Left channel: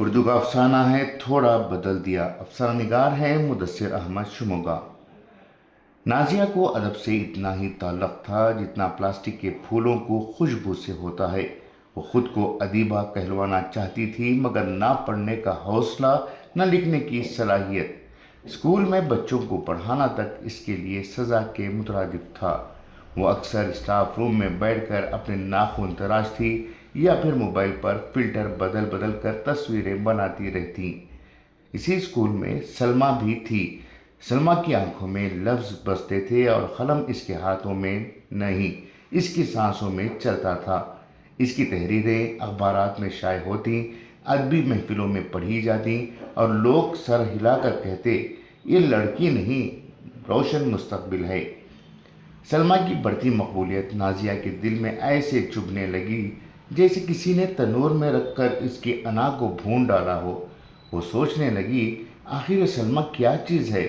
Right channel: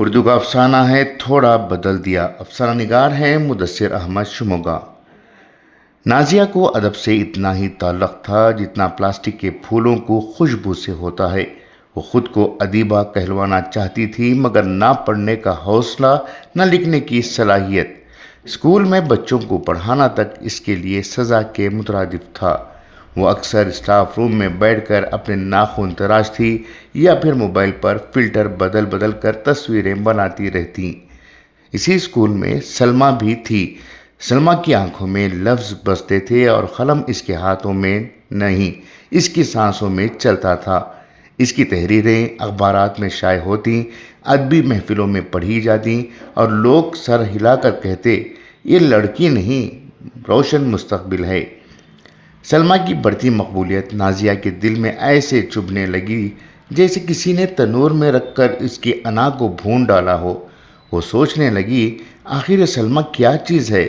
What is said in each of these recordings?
اردو کا افسانہ ہے تھوڑا بدل دیا۔ افسانہ نگار ہے مدثر احمد شموگا۔ نازیہ کو ادب سے اتنا ہی تعلق تھا جتنا پلاسٹک کے پھولوں کو خوشبو سے ہوتا ہے۔ وہ خود کو ادیبہ کہلوانا چاہتی تھی، مگر نہ پڑھنے کا حوصلہ، نہ لکھنے کی صلاحیت۔ اسکول میں بچوں کو پڑھانا تک اس کے لیے سزا کے مترادف تھا۔ وہ اکثر اسٹاف روم میں بیٹھ کر اپنے ناخن تراشتی یا پھر موبائل پر فلٹر بدل بدل کر تصویریں بناتی رہتی۔ اسی اسکول میں سلمیٰ بھی تھی۔ سلمیٰ کی آنکھوں میں لفظ بستے تھے اور قلم اس کے ہاتھوں میں نہیں، اس کی سانسوں میں چلتا تھا۔ اس کی تحریریں اخبارات میں شائع ہوتی، ادبی محفلوں میں پڑھی جاتی اور لوگ سر ہلا کر کہتے، یہ لڑکی نہیں، روشن مستقبل ہے۔ سلمیٰ کی بڑھتی مقبولیت نازیہ کے دل میں ایسے چبھنے لگی جیسے کسی نے تنور میں رکھ کر اس کی انا کو بھون ڈالا ہو۔ وہ سوچنے لگی، آخر یہ سلمیٰ کیا چیز ہے؟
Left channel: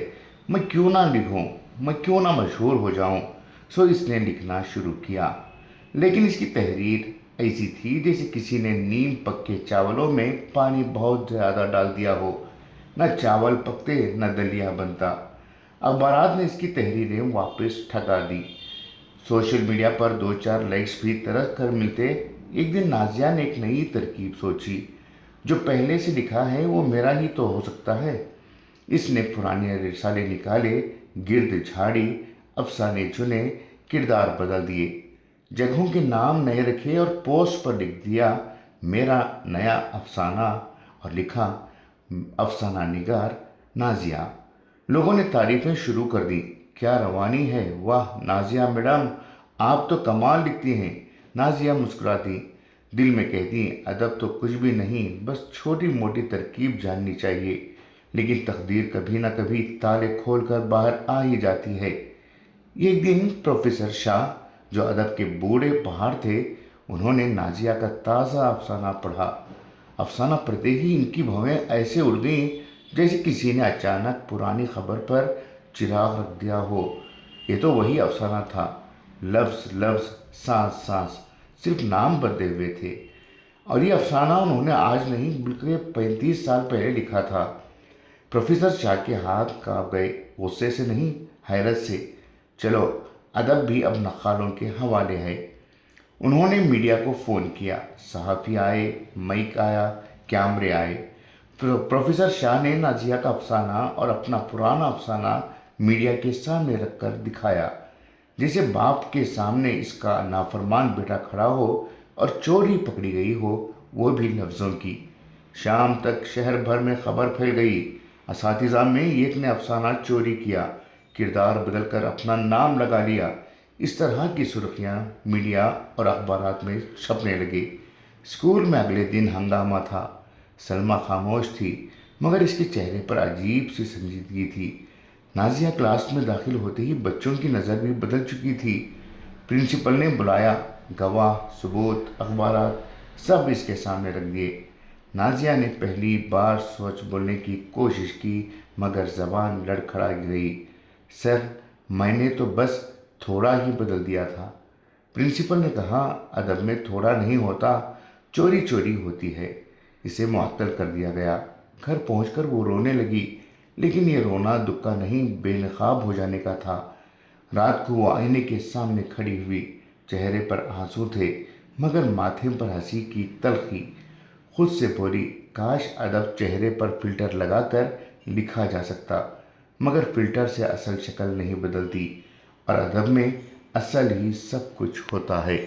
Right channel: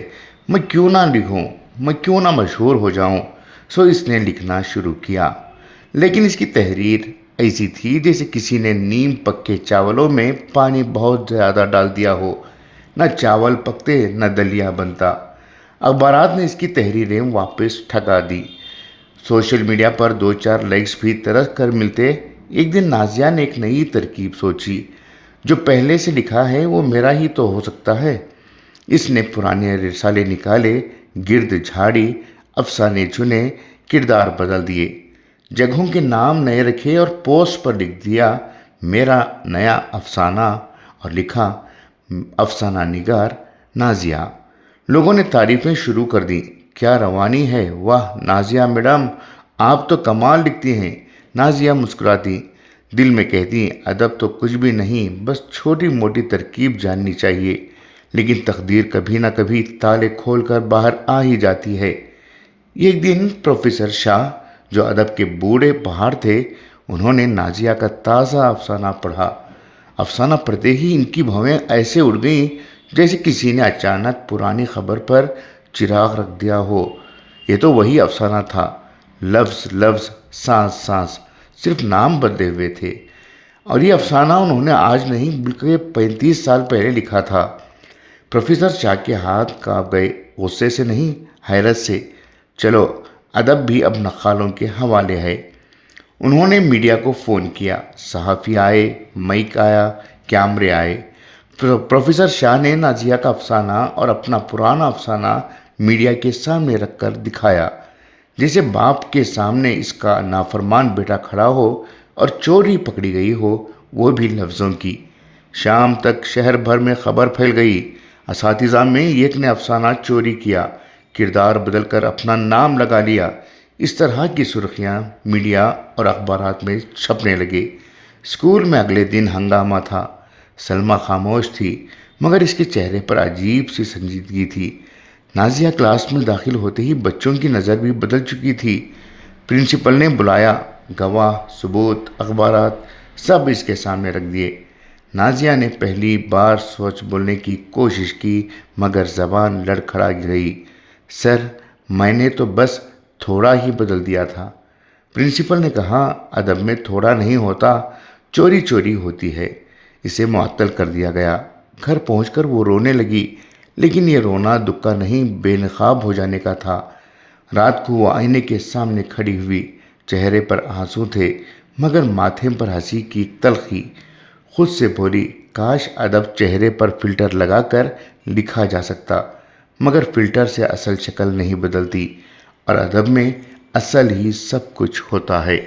میں کیوں نہ لکھوں، میں کیوں نہ مشہور ہو جاؤں؟ سو اس نے لکھنا شروع کیا، لیکن اس کی تحریر ایسی تھی جیسے کسی نے نیم پکے چاولوں میں پانی بہت زیادہ ڈال دیا ہو۔ نہ چاول پکتے نہ دلیا بنتا۔ اخبارات نے اس کی تحریریں واپس ٹھکا دی۔ سوشل میڈیا پر دو چار لائکس بھی ترس کر ملتے۔ ایک دن نازیہ نے ایک نئی ترکیب سوچی، جو پہلے سے لکھا ہے وہ میرا ہی تو ہو سکتا ہے۔ اس نے پرانے رسالے نکالے، گرد جھاڑی، افسانے چنے، کردار بدل دیے، جگہوں کے نام نئے رکھے اور پوسٹ پر لکھ دیا میرا نیا افسانہ، اور لکھا افسانہ نگار نازیہ۔ لوگوں نے تعریفیں شروع کر دیں، کیا روانی ہے، واہ نازیہ میڈم، آپ تو کمال لکھتی ہیں۔ نازیہ مسکراتی، دل میں کہتی، ادب تو کچھ بھی نہیں، بس چھوٹی موٹی ترکیب جاننی چاہیے، لیکن تقدیر کبھی نہ کبھی تالے کھول کر باہر آ ہی جاتی ہے۔ ایک دن پروفیسر شاہ، جو ادب کے بوڑھے پہاڑ تھے، انہوں نے نازیہ کا تازہ افسانہ پڑھا۔ افسانہ پڑھتے ہی ان کی بھویں ایسے اڑ گئیں جیسے کسی نے اچانک پرانی خبر پر چراغ رکھ دیا ہو۔ یہ تو وہی افسانہ تھا، لفظ لفظ، سانس سانس، صرف نام بدلے ہوئے تھے۔ اور یہ افسانہ انہوں نے آج نہیں بلکہ 35 سال پہلے لکھا تھا۔ پروفیسر شاہ کے ہاتھ کانپ گئے، غصے سے نہیں، حیرت سے۔ چلو، ادب بھی اب نقالوں کے حوالے ہے۔ انہوں نے میڈیا کو فون کیا، صحافی آئے، مائک آیا، کیمرے آئے۔ پروفیسر شاہ نے نازیہ کا افسانہ اور اپنا پرانا افسانہ میڈیا کے سامنے رکھ کر دکھایا، جیسے باپ کے سامنے اس کا نافرمان بیٹا کھڑا ہو اور چوری پکڑی گئی ہو، وہ بھی لفظوں کی۔ شام تک شہر بھر میں خبر پھیل گئی، اساتذہ میں ایک نے افسانہ چوری کیا، کردار بدل کر اپنا نام لگا لیا۔ اس طرح کی سرخیاں میڈیا اور اخبارات میں چھپنے لگے۔ اسکول میں اگلے دن ہنگامہ تھا۔ سلمیٰ خاموش تھی، مگر اس کے چہرے پر عجیب سی سنجیدگی تھی۔ نازیہ کلاس میں داخل ہوتے ہی بچوں کی نظر بھی بدل چکی تھی۔ پرنسپل نے بلایا، گواہ، ثبوت، اخبارات سب اس کے سامنے رکھ دیے۔ نازیہ نے پہلی بار سچ بولنے کی کوشش کی، مگر زبان لڑکھڑا گئی۔ سر، میں نے تو بس تھوڑا ہی بدل دیا تھا۔ پرنسپل نے کہا، ادب میں تھوڑا نہیں ہوتا، چوری چوری ہوتی ہے۔ اسے معطل کر دیا گیا۔ گھر پہنچ کر وہ رونے لگی، لیکن یہ رونا دکھ کا نہیں، بے نقاب ہو جانے کا تھا۔ رات کو وہ آئینے کے سامنے کھڑی ہوئی، چہرے پر آنسو تھے، مگر ماتھے پر ہنسی کی تلخی۔ خود سے بولی، کاش ادب چہرے پر فلٹر لگا کر لکھا جا سکتا، مگر فلٹر سے اصل شکل نہیں بدلتی، اور ادب میں اصل ہی سب کچھ ہوتا ہے۔